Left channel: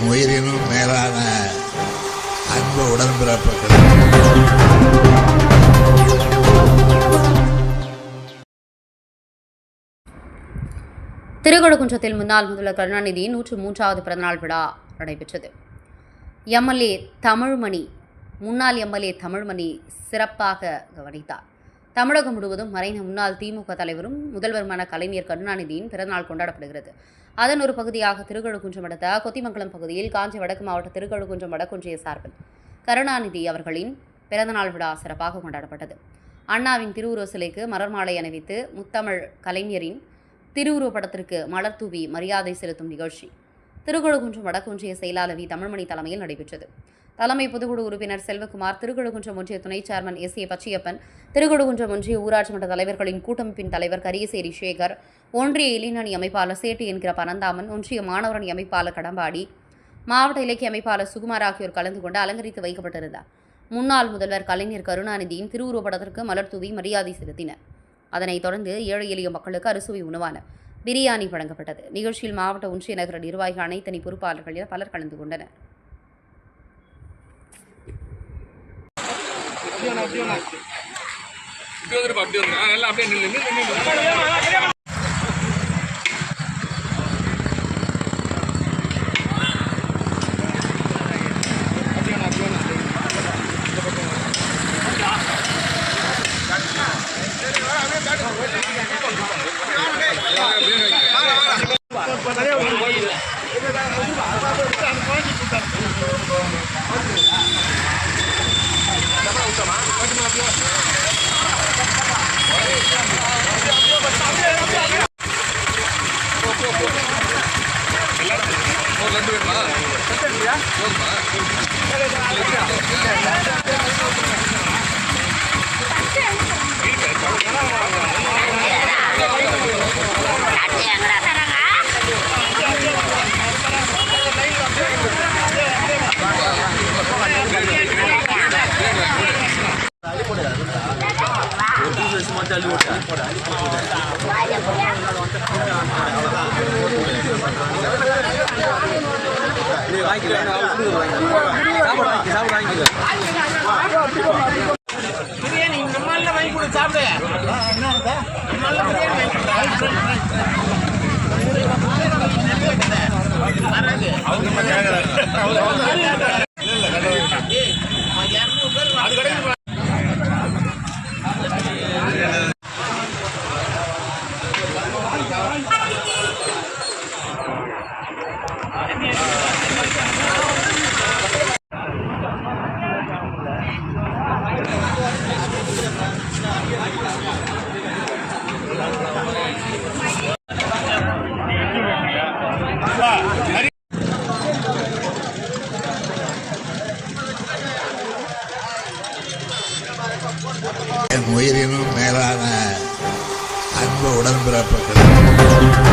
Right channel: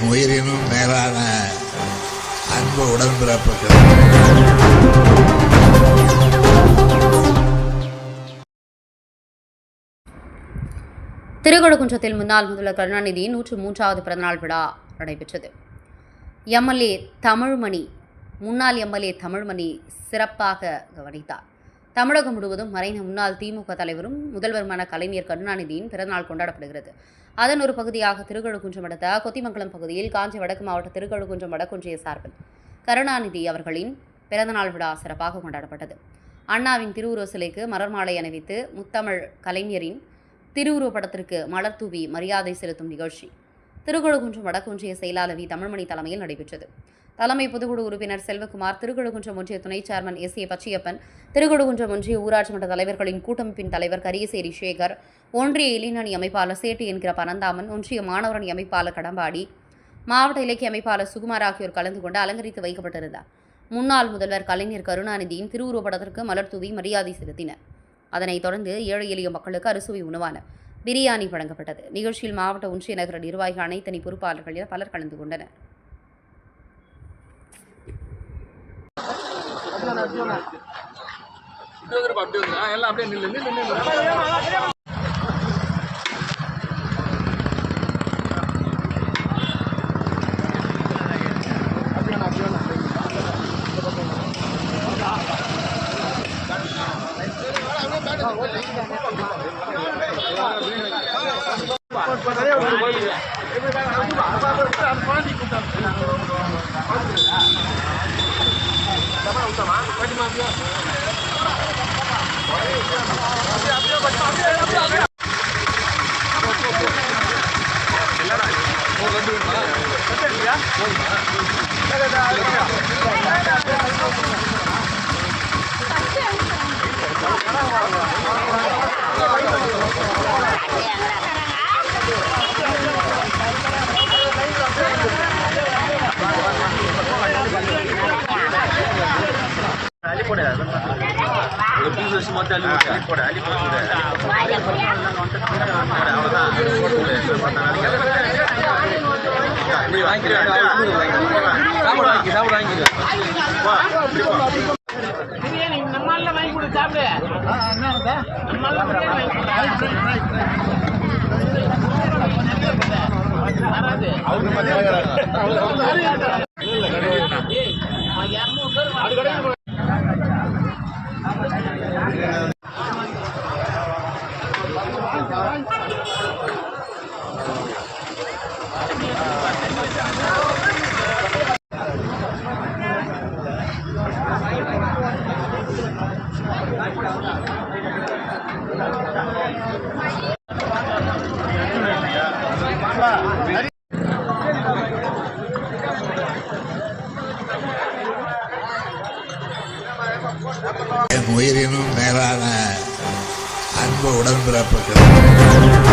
என் உயிரினும் மேலான அன்பு உடன்பிறப்புகள். திருக்கழுக்குன்றத்தில் முன்னாள் முதல்வர் கருணாநிதியின் 103வது பிறந்தநாள் விழா நடைபெற்றது. முன்னாள் எம்எல்ஏ தமிழ்மணி சிறப்பாக கவனித்தார். தமிழகம் முழுவதும் மறைந்த முன்னாள் திமுக தலைவரும் முதல்வருமான கலைஞர் கருணாநிதியின் பிறந்தநாள் கொண்டாடப்படுகிறது. அதன் ஒரு பகுதியாக திருக்கழுக்குன்றம் அடுத்த கொத்திமங்கலம் பகுதியில் காஞ்சி வடக்கு மாவட்ட திருக்கழுக்குன்றம் வடக்கொன்றிய சார்பில் கருணாநிதி அவர்களின் பிறந்தநாள் விழா சிறப்பாக கொண்டாடப்பட்டது. அண்ணாவின் திருவுருவ சிலைக்கு மலர் மாலை அணிவித்து முத்தமிழ் கலைஞரின் திருவுருவப் படத்திற்கு மலர் தூவி மரியாதை செலுத்தும் நிகழ்ச்சி திருக்கழுக்குன்றம் வடக்கொன்றிய செயலாளர் வி தமிழ்மணி தலைமையில் நடைபெற்றது. தலைமை பொதுக்குழு உறுப்பினர் செல்வகுமார், திருக்கழுக்குன்றம் ஒன்றிய துணை சேர்மன் எஸ்.ஏ. பச்சையப்பன், திருக்கழுக்குன்றம் ஒன்றிய ஊராட்சி மன்ற தலைவர்களின் கூட்டமைப்பின் தலைவர் கரியசேரி சேகர், ஒன்றிய இளைஞரணி அமைப்பாளர் சேட்டு என்கிற பரந்தாமன், ஒன்றிய மாணவரணி அமைப்பாளர் கடம்பாடி, மாவட்ட இலக்கிய அமைப்பாளர் சுகுமார் ஆகியோர் கலந்து கொண்டு அலங்கரித்து வைக்கப்பட்டிருந்தார். முன்னாள் முதல்வர் கலைஞர் கருணாநிதியின் திருவுருவப் படத்திற்கு மலர் தூவி மரியாதை செலுத்தினர். அதனைத் தொடர்ந்து ஏழை எளிய மக்களுக்கு அறுசுவை உணவான பிரியாணி வழங்கப்பட்டது. நிகழ்ச்சியில் மாவட்ட ஒன்றிய நகர நிர்வாகிகள், அனைத்தனி பொறுப்பாளர்கள் என பலர் கலந்து கொண்டனர். பிரியாணி நம்மளால வாங்கி கொடு சாப்பிடு. என் உயிரினும் மேலான அன்பு உடன்பிறப்புகள்.